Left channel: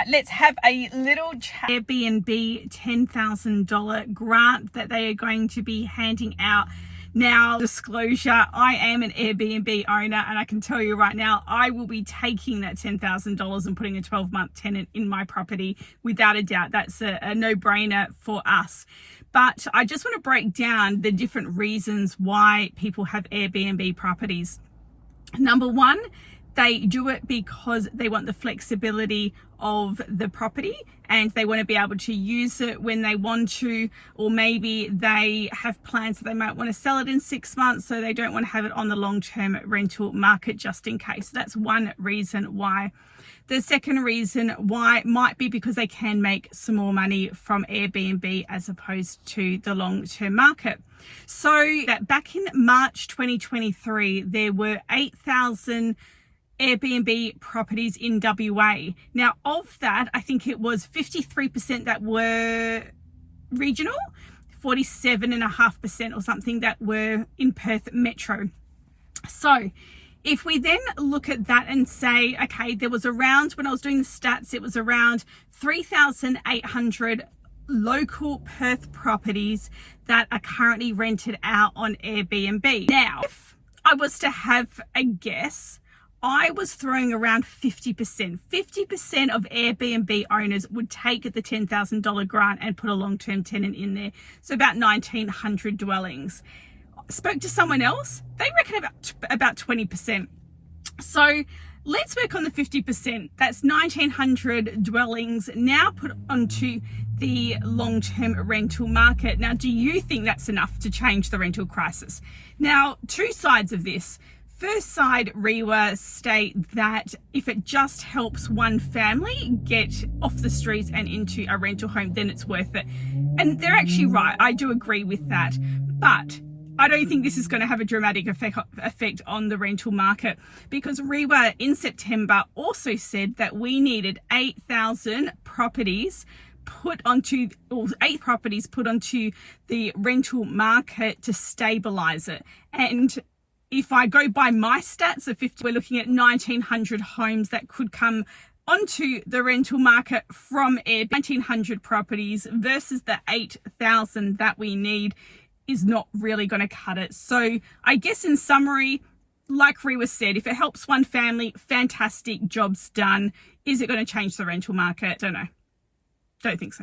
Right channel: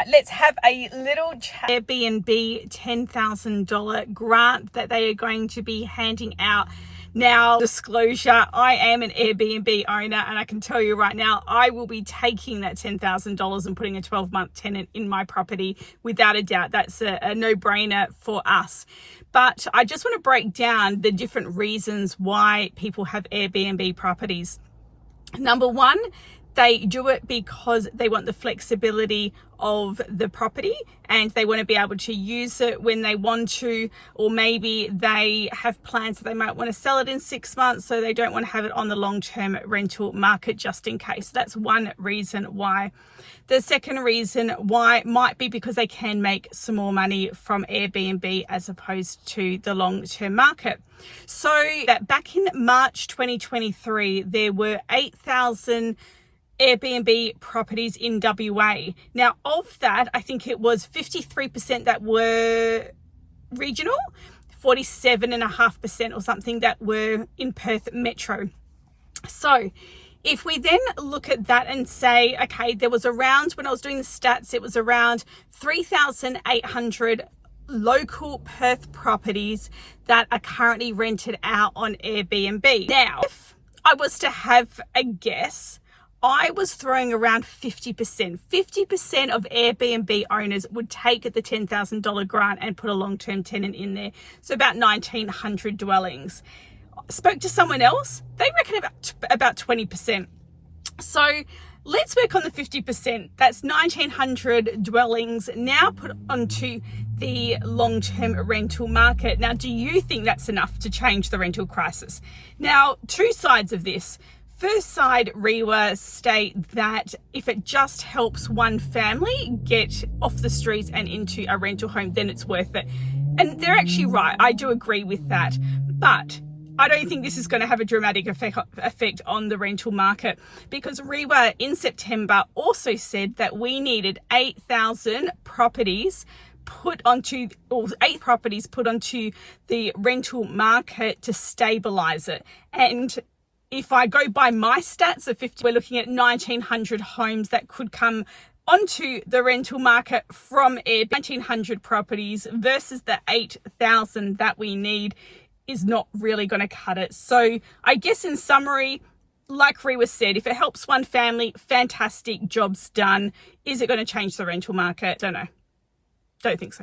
right, let's have a little chat. Airbnb $10,000 grant that they are going to be handing out. Now, disclosure, I am an Airbnb owner, and I can tell you right now, I will be taking that $10,000 and putting a 12-month tenant in my property without a doubt. That's a no-brainer for us. But I just want to break down the different reasons why people have Airbnb properties. Number one, they do it because they want the flexibility of the property and they want to be able to use it when they want to, or maybe they have plans that they might want to sell it in 6 months, so they don't want to have it on the long-term rental market just in case. That's one reason why. The second reason why might be because they can make some more money from Airbnb as opposed to the long-term market. So that back in March 2023, there were 8,000 Airbnb properties in WA. Now, of that, I think it was 53% that were regional, 47.5% or something that were in Perth Metro. So if we then look at that and say, okay, there was around, when I was doing the stats, it was around 3,800 local Perth properties that are currently rented out on Airbnb. Now, if I was to have a guess, I was throwing around 50%. 50% of Airbnb owners would take the $10,000 grant and put a long-term tenant in there. So about 1,900 dwellings. Spoke to someone else, they reckon about 20%. So let's work on the 50%. That's 1,900 dwellings now put onto the long-term rental market. Now, do you think that's enough to change the rental crisis? Now, two sides of this. First side, REiWA state that if it just helps one family get off the streets and into a rental home, then it's worth it. And they're actually right. I do agree with that. But I don't think this is going to have a dramatic effect on the rental market, because REiWA in September also said that we needed 8,000 properties put onto, or 8 properties put onto the rental market to stabilize it. And if I go by my stats of 50, we're looking at 1,900 homes that could come onto the rental market from Airbnb. 1,900 properties versus the 8,000 that we need is not really going to cut it. So I guess in summary, like REiWA said, if it helps one family, fantastic, job's done. Is it going to change the rental market? Don't know. Don't think so.